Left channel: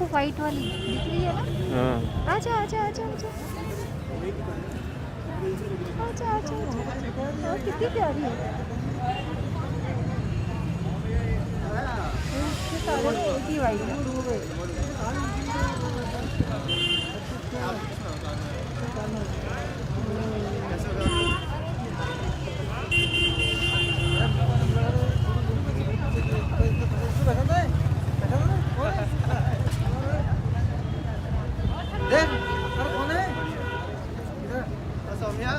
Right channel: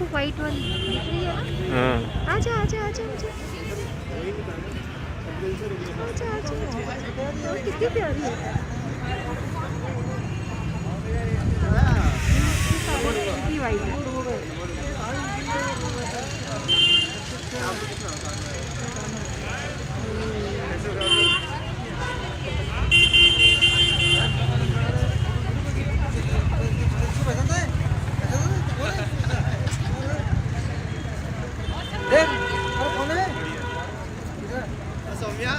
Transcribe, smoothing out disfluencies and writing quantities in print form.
देखो वाइट वाली दिख रही है ना। हाँ आजा आजा आजा आजा आजा आजा आजा। वो कितनी प्यारी है। ये सारे एक ही वाइट है। सौम्या